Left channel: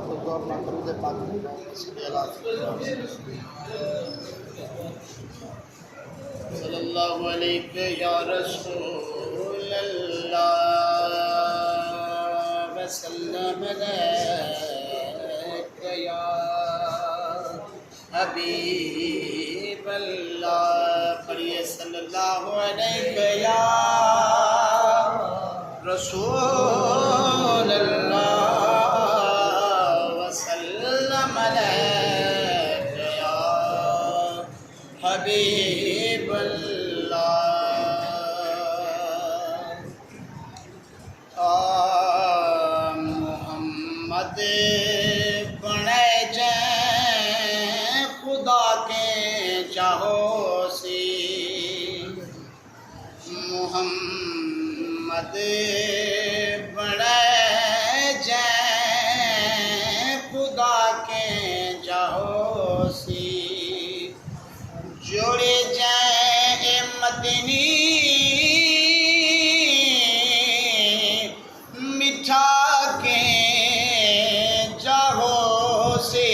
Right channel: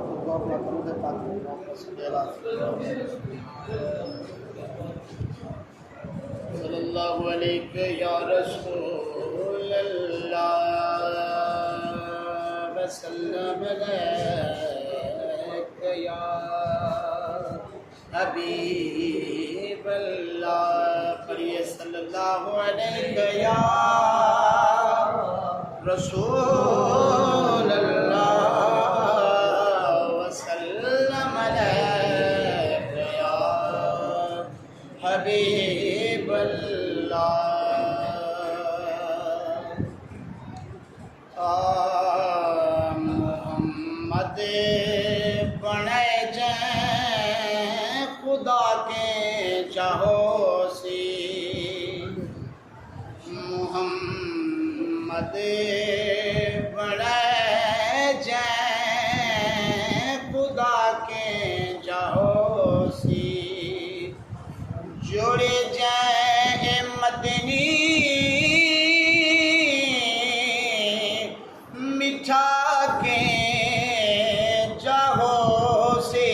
رحمت الدور میں درود پاک صلی اللہ علیہ یا رسول اللہ وسلم علیک یا حبیب اللہ پڑھیے صلی اللہ علیہ یا رسول اللہ وسلم علیک یا حبیب اللہ محمد بنے جائیں خدا کے چاہو سی محمد بنے جائیں خدا کے چاہو سی جوڑے جائیں مدنی مٹھا کے چاہو سے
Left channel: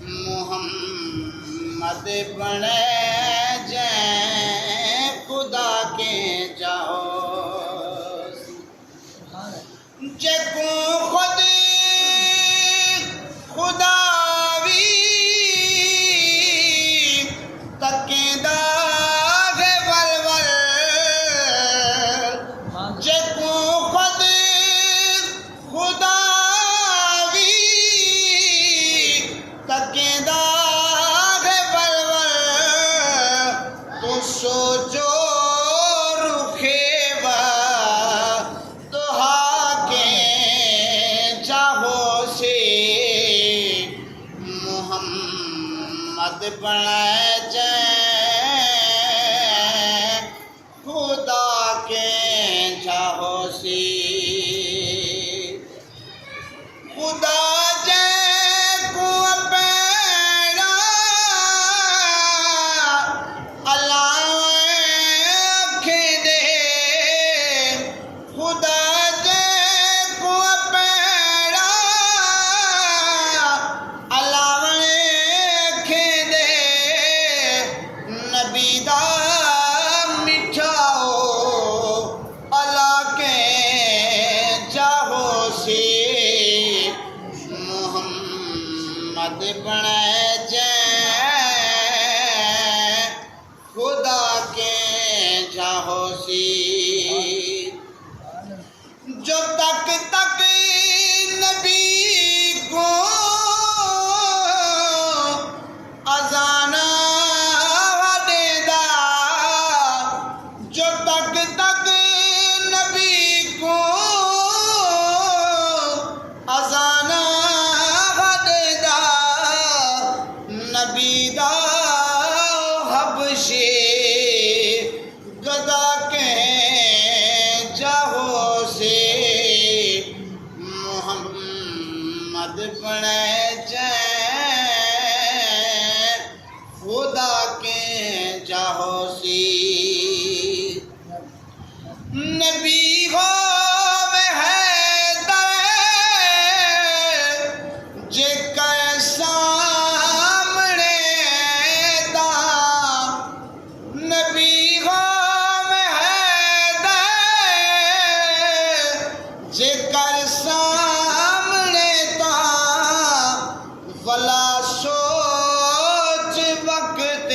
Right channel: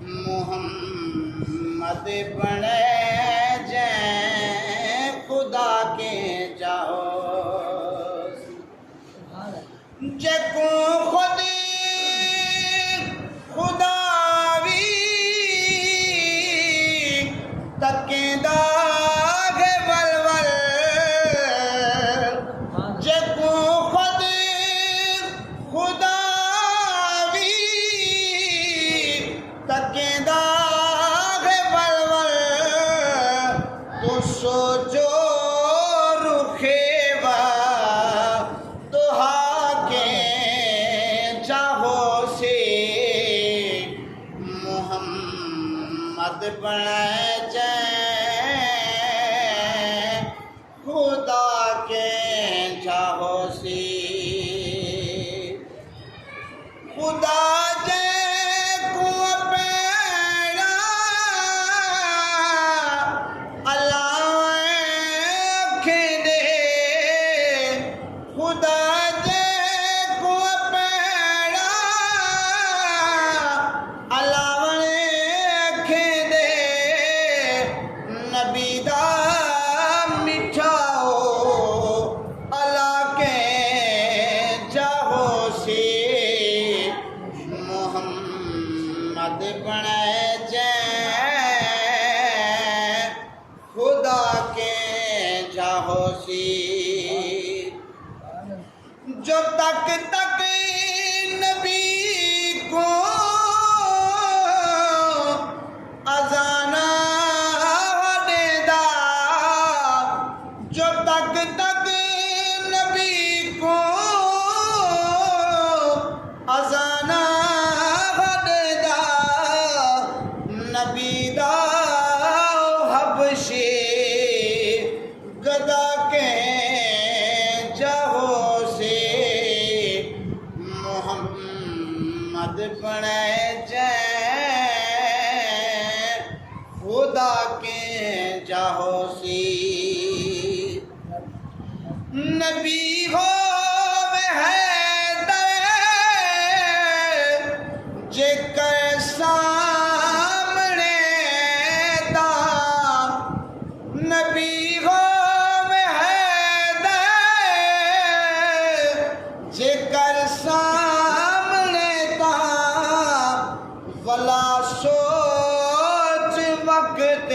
محمد بنے جائیں خدا کے چاہو جکو خود خداوی تکیں داغ ولول جکو خود خداوی تکیں داغ ولول تو سوچو رکھے با تو کے چاہو سے محمد بنائے جائیں خدا کے چاہو سی خدا جائیں کو پیڑا اللہ کے دے خدا جائیں کو پیڑا اللہ کے دے نبی دا مٹھاؤ اللہ کے چاہو سی محمد بنائے جائیں خدا کے چاہو سی جو تک نبی کو اذان دے دا جو تک نبی کو اذان دے دا نبی دا حبشی گدا کے چاہو سے محمد بنے جائیں خدا کے چاہو سی نبی ہو جے کے سامنے دا نبی ہو جے کر سامنے تا ولا سوچ وقت